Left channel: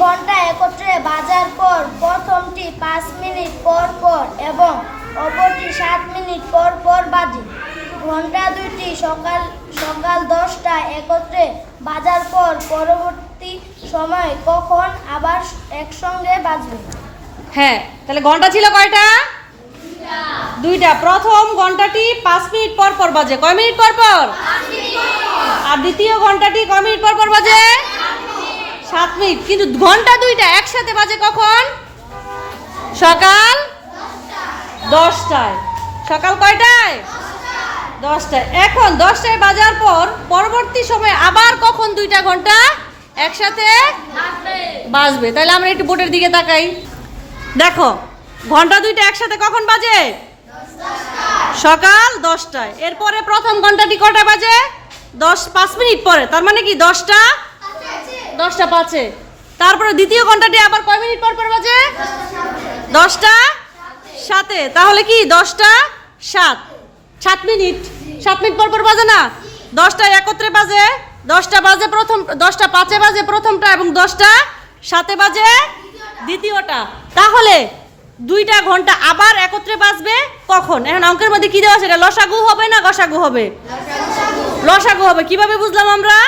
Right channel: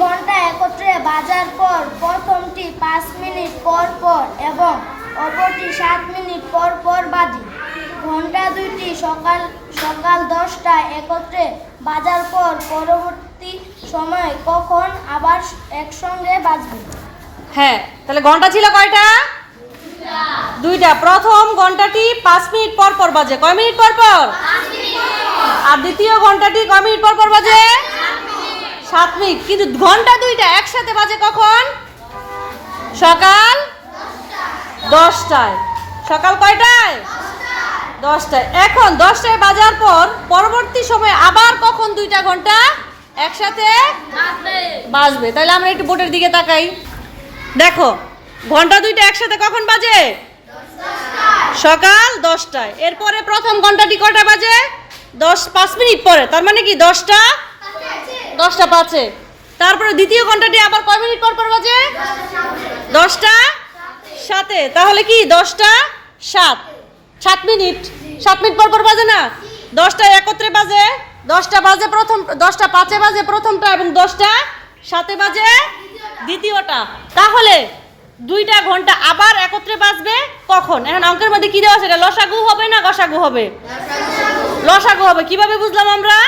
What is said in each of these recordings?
ঘন্টা একত্রে বাজার পর প্রথমটি 5 মিনিট পর পর এবং অপরটি 7 মিনিট পর পর বাজে। ঘন্টা দুইটি সকাল 10টায় একত্রে বাজার পর পরবর্তী সময় কখন আবার একসঙ্গে বাজবে? হ্যাঁ, তাহলে ঘন্টা ছিল কয়টা? দুইটা। প্রথম ঘন্টাটি 5 মিনিট পর পর বাজে। কয় মিনিট পর পর? আর দ্বিতীয় ঘন্টাটি কয় মিনিট পর পর বাজে? 7 মিনিট। কিন্তু ঘন্টা দুইটা একসাথে বাজে কখন? সকাল 10টায়। সকাল কয়টায়? 10টায়। এখন 10টায় বাজার পর পরবর্তী সময় আবার কখন দুইটা ঘন্টা একসাথে বাজবে? তাহলে আমরা একটু বোর্ডের দিকে তাকাই। দেখো, ঘন্টা দুইটা একসাথে কখন বাজে? সকাল 10টায়। এরপরে প্রথম ঘন্টাটি কটা বাজে? 5 মিনিট পরে। তার মানে কি 10টা 5-এ। তারপরে দ্বিতীয় ঘন্টাটি আবার কয় মিনিট পর পর বাজে? 10টা 7-এ। তাহলে কি 10টা 7 মিনিট। 7 মিনিট পর পর বাজে না? 10টায় একত্রে বাজে। 10টা বাজে প্রথম, 10টা 5-এ বাজে প্রথমটা এবং 10টা 7-এ বাজে দ্বিতীয়টা। তাহলে দুইটা ঘন্টা আবার একত্রে বাজবে কখন? এখন অঙ্কের মধ্যে কি দেওয়া আছে? এটা লসাগু হবে না গসাগু হবে? লসাগু হবে। কিভাবে বুঝলাম আমরা?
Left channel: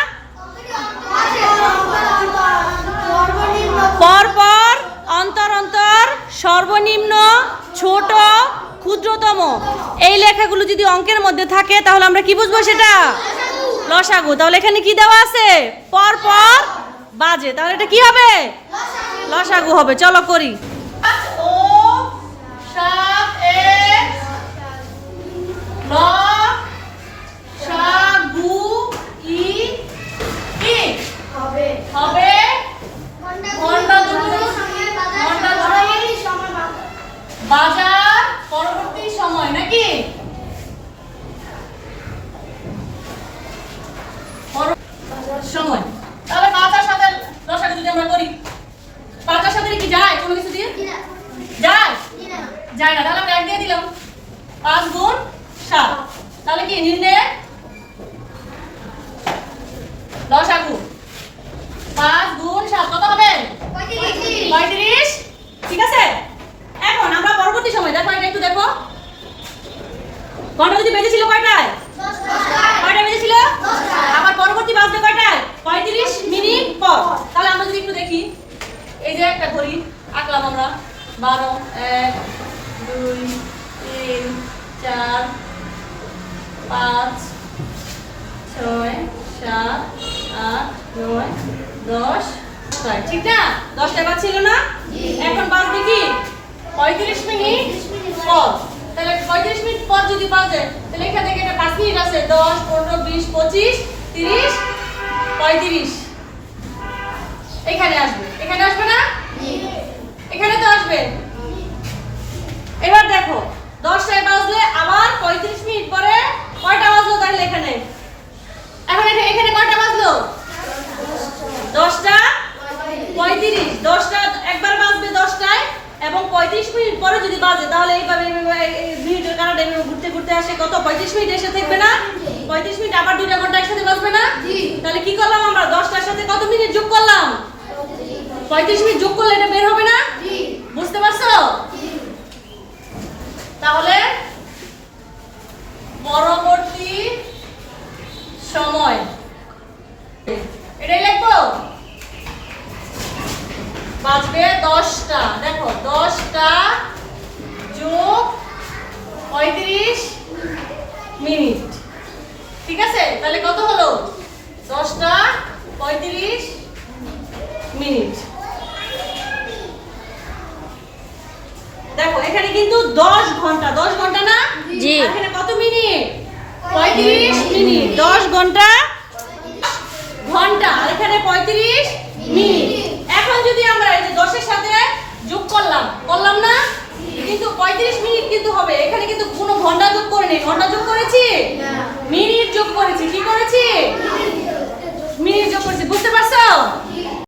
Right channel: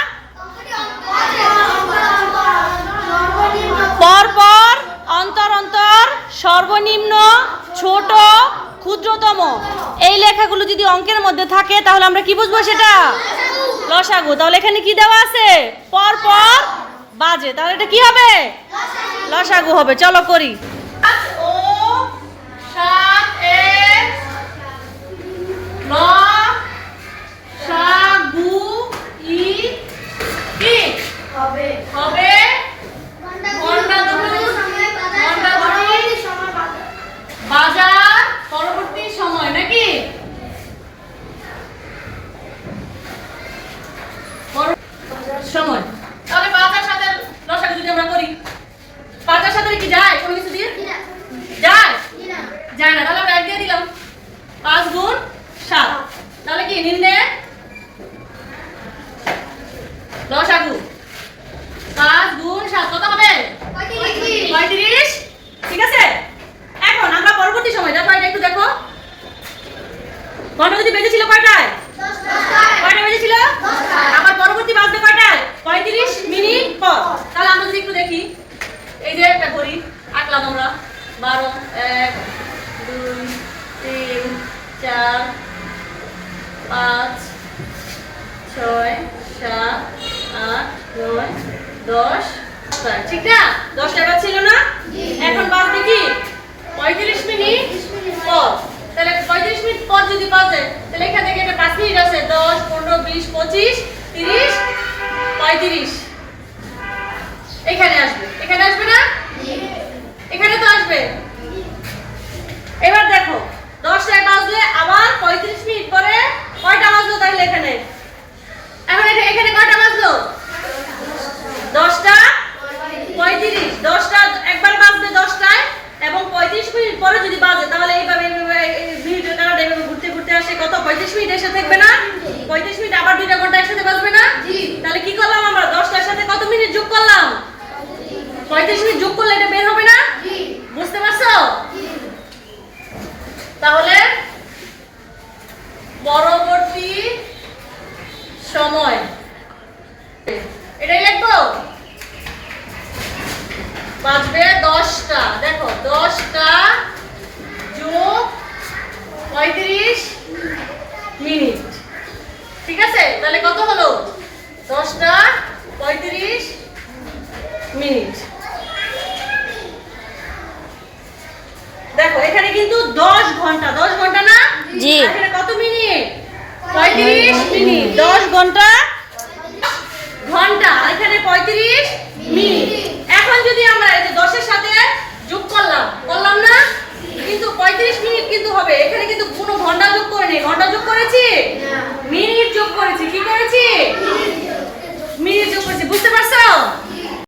পর পর, অন্তর অন্তর, সর্বনিম্ন, ছোট, ক্ষুদ্রতম, এই লেখাগুলো যদি অঙ্কের মধ্যে থাকে তাহলে আমরা কি বুঝবো? সেটা লসাগু। তাহলে এখানে কি দেওয়া আছে? পর পর বাজে। তাহলে এটা কি হবে? লসাগু হবে। চলো করি। বাজার পরবর্তী সময় নাকি? সময়। তাহলে 5 আর 7 এর লসাগু যদি আমরা করি, 5 আর 7 কি যায় কোনো কিছু দিয়ে? যায় যায় না। তাহলে আমরা 1 দিয়ে দিলাম। 5 গুণ 7। তাহলে কি নির্ণয় লসাগু? 5 গুণ 7 কত হবে? 35। ঠিক আছে। এখন আমরা পরবর্তী সময় দেখো, এটা একটু দেখো। ঘন্টা যদি বেজেছিল কয়টায়? 10টায়। কয়টায় বেজেছিল? 10টায়। আবার পরবর্তী বাজবে কয়টায়? 35 মিনিট পর। তাহলে আমরা যদি একটু দেখি, এই যে একটা ঘড়ি আঁকলাম আমরা। 12, 1, 2, 3, 4, 5, 6, 7, 8, 9, 10। ঠিক না? 10টায় বাজছিল না? এখন বাজবে কি? 35 মিনিট পর। তাহলে 35 মিনিট পর যদি বাজে তাহলে এখান থেকে এটা 5 মিনিট আছে। 10, 15, 20, 25, 30, 35 এখানে আসবে। এখানে আসবে না? এখানে তো আসবে। এবার দেখো, 10টায় বাজলে আবার 35 মিনিট পরে কয়টা বাজলো? তাহলে এখানে এখন এখানে কয়টা বাজলো? 10টা 35। 10টা একবার বাজবে 10টায় এবং 35 মিনিট পরে যদি বাজে তাহলে এইভাবে মিনিটের কারণে ঘুরতে ঘুরতে আসে কত? 35 মিনিট এসে থাকবে না? 35 মিনিট আবার 2টা ঘন্টা একসাথে বাজবে না? তাহলে কি করলাম আমরা? 10টার সাথে কত মিনিট যোগ করলাম? 35 মিনিট যোগ করলে এটা বের হবে না? বুঝতে পারছো? তাহলে পরবর্তী সময় এটাই লিখবো। বাজবে 10টা। দেখো, 10টা যোগ 35 মিনিট। ঠিক আছে। তাহলে কত হলো? 10টা 35 মিনিট। দেখো, এখানে কিন্তু 10 ঘন্টা। 10 ঘন্টা না? জি। এখানে কত মিনিট? 35 মিনিট। 10 ঘন্টা ঘন্টা, এখানে 35 মিনিট। এখন যদি আমরা এই যে 10 এর সাথে যোগ করলাম না? কিন্তু 35 মিনিট কিন্তু হবে। এখানে কিন্তু কোনো ঘন্টা যোগ করে নেই। ঘন্টা যোগ করেছি? মিনিট যোগ করেছি। কি করেছি? মিনিট যোগ করেছি। বুঝতে পারছো?